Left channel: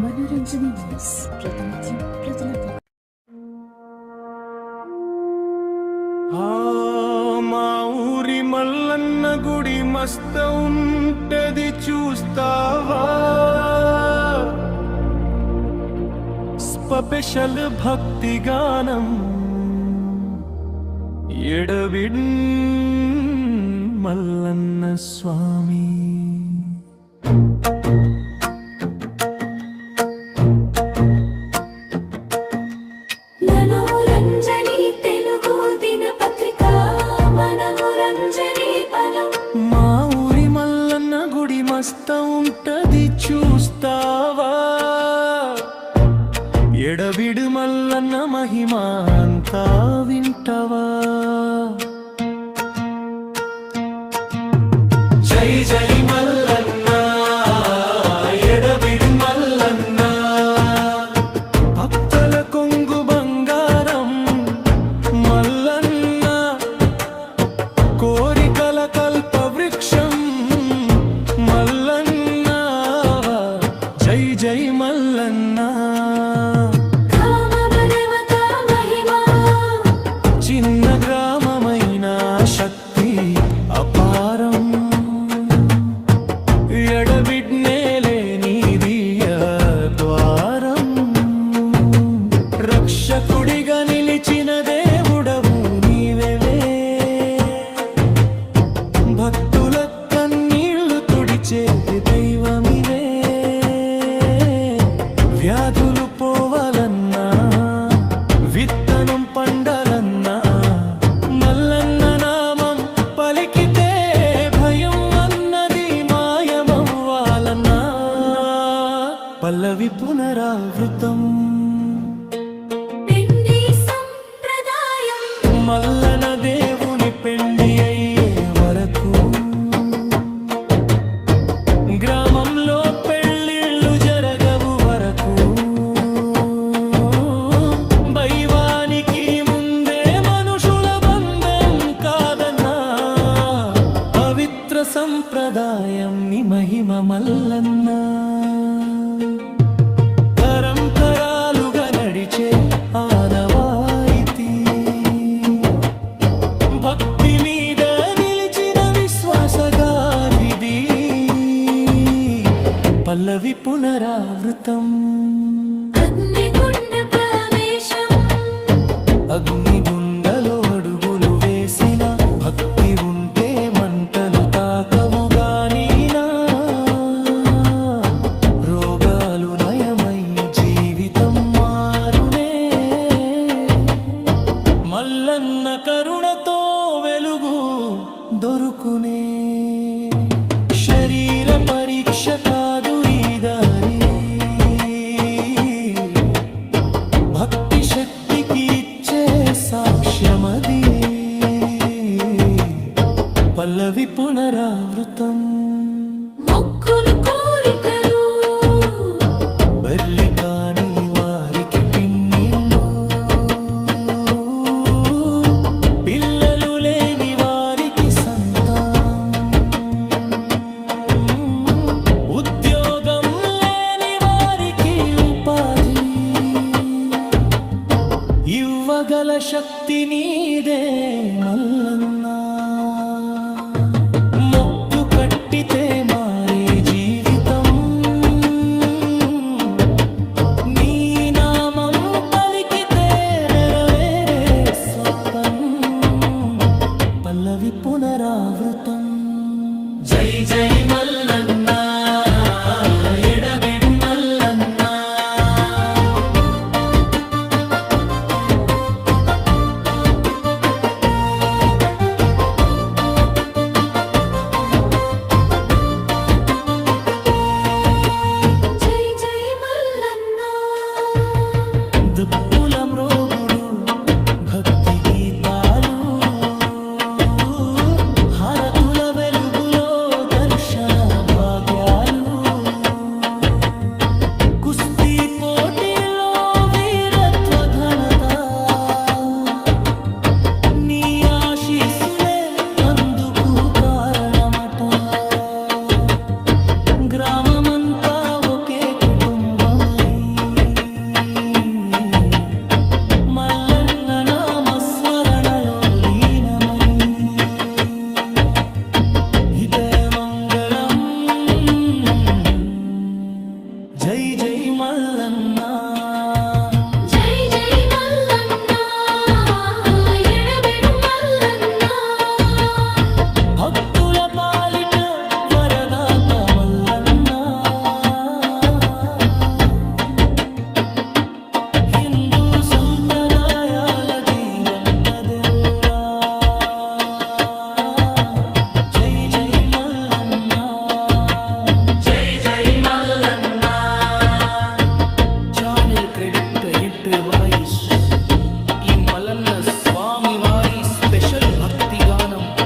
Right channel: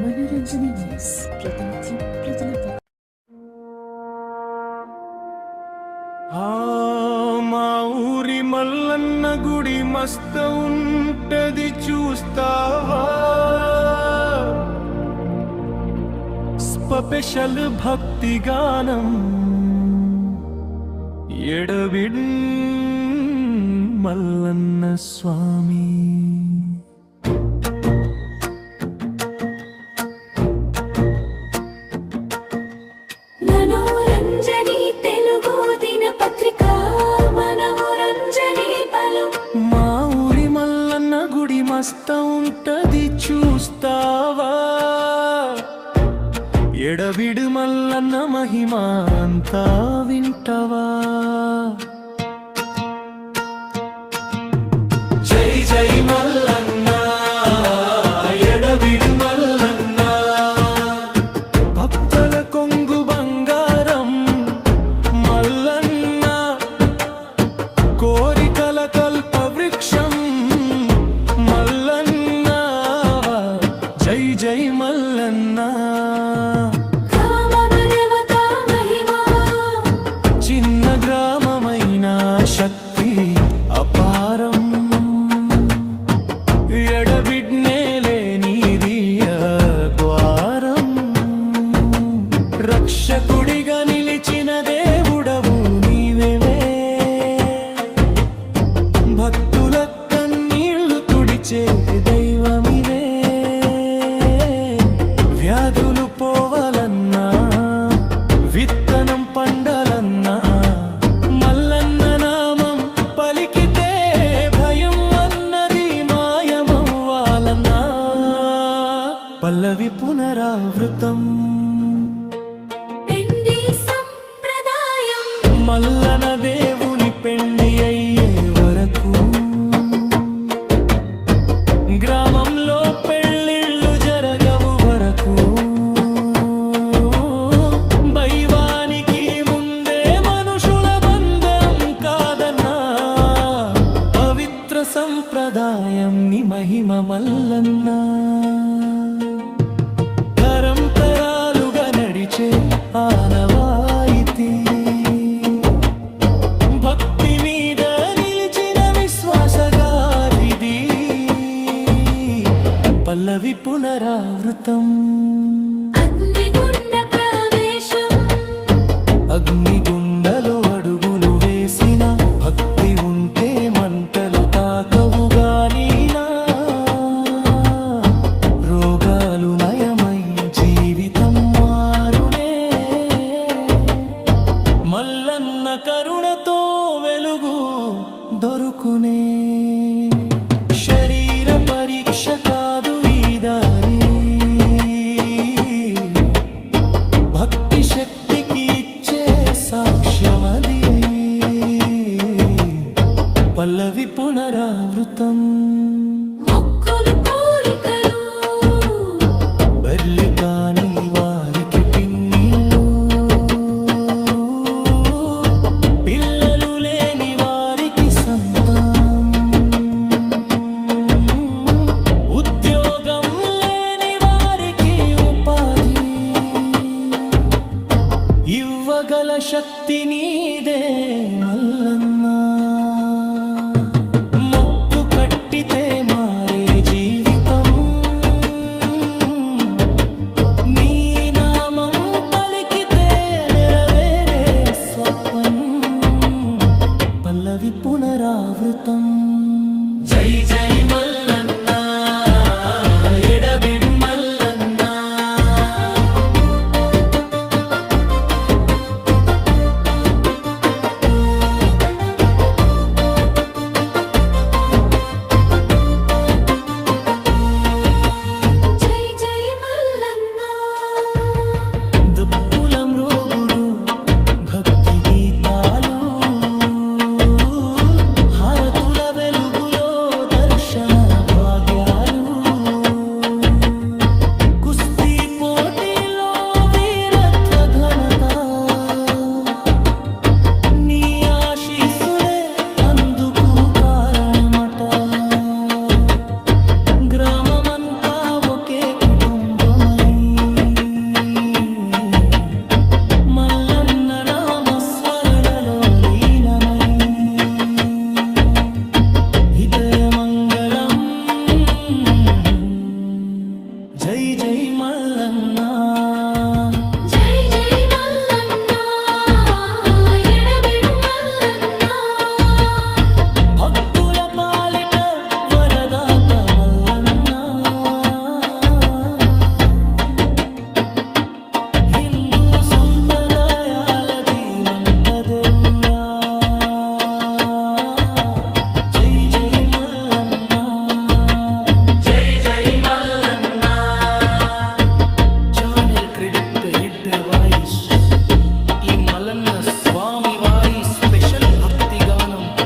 మనోరంజని న్యూస్ ప్రతినిత్యం ప్రజలకు. మా ఊరి మల్లన్న గుడి మస్త ఉంటది చూస్తావా? స్పెషల్ భక్తి గానం ఎడవిడ్ మల్లన్న స్వామి. మా ఊరి మల్లన్న గుడి మస్త ఉంటది చూస్తావా? ఎడవిడు మల్లన్న మహిమ అంతా వింటవా? జై జై మల్లన్న, ఎడవిడు మల్లన్న, భక్తుల కొంగు బంగారం మల్లన్న, కోరికల కల్ప వృక్షం మల్లన్న. జై జై మల్లన్న. చిన్న గ్రామమైన శక్తి అపారం, ఎడబిడ్నేలే నీదియ ద్వారం. రక్షకుడిగా నిలిచిన దేవుడవు నీవే, భక్తుల కన్నీళ్లు తుడిచే దైవమివే. వ్యాధులు పోవాలన్నా, విత్తనం పండాలన్నా, మల్లన్న నామం పలికితే భయం అన్నది మాయమవ్వాలన్నా. పల్లవి పునరావృతం మల్లన దేవుని పెండి అయ్యే వరకు, గ్రామంలో పెళ్ళిళ్ళు జరగవు వరకు, దైవానికి ముందే మనుషుల బంధం కాదన్నా. పవిత్ర సంప్రదాయం ని మహిమ మల్లన్న, తరంతరాలుగా నడిచే ఆనవాయితీ, భక్తి మీద నిలిచిన విశ్వాసగాథిది. పల్లవి పునరావృతం అగ్నిగుండలో అడుగులు వేసిన, భక్తి ఉంటే మంటలు తాకవు గానీనా. రోగాలు నయమై జీవితం మారునే, మల్లన్న కరుణతో వెలుగు దొరుకునే. శరీర పరీక్ష కాదు ఈ దారి, భక్తి శక్తికి ఇచ్చే సాక్ష్యమది. పల్లవి పునరావృతం బర్లి కాని వారికి పిన్నీళ్ళు, పిల్లలు లేని వారికి సంతానం, ఉద్యోగం లేని వారికి ఉపాధి. ఇవ్వగల శక్తి నీదే మల్లన్న, మొక్కు కట్టితే మారే జీవితం, నీ నామం పలికితే నెరవేరే స్వప్నం. పల్లవి పునరావృతం జై జై మల్లన్న, ఎడబిడ్ మల్లన్న. దుప్పులం రోగుడు భక్తి గీతాలు, హారతుల వెలుగులో దర్శన భాగ్యాలు. కుస్తీ పోటీలో వీరత్వ ఘనత, నీ ఆశీస్సులే అందుకు కారణమట. గ్రామమంతా ఒకే కుటుంబమ, మంగళం. జై జై మల్లన్న. జై జై మల్లన్న ఎడబెడు మల్లన్న భక్తుల పాలిట వరదాత మల్లన్న. హిందూ సంప్రదాయాల జీవంత దేవుడా. జై జై మల్లన్న. జై జై మల్లన్న. ఛానల్ క్రెడిట్ ఇంట్ వాయిస్ ఈ మల్లన్న స్వామి వారి స్పెషల్ భక్తి గానం.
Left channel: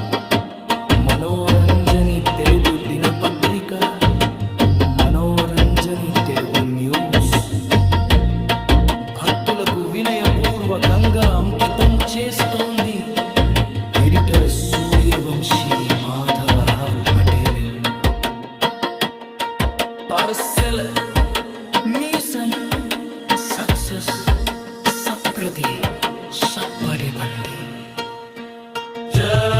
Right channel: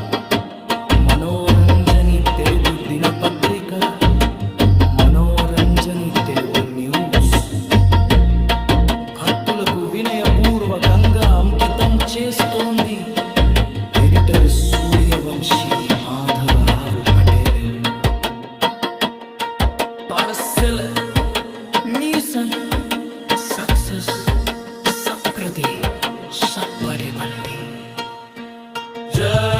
మనోరంజని తెలుగు దినపత్రిక, మనోరంజని తెలుగు న్యూస్ భక్తులకు వినయపూర్వకంగా అంకితం చేస్తోంది editor Suryavanshi Madhavrao Patel. Parcel mission success సప్రదే సప్పడే బంటి. జై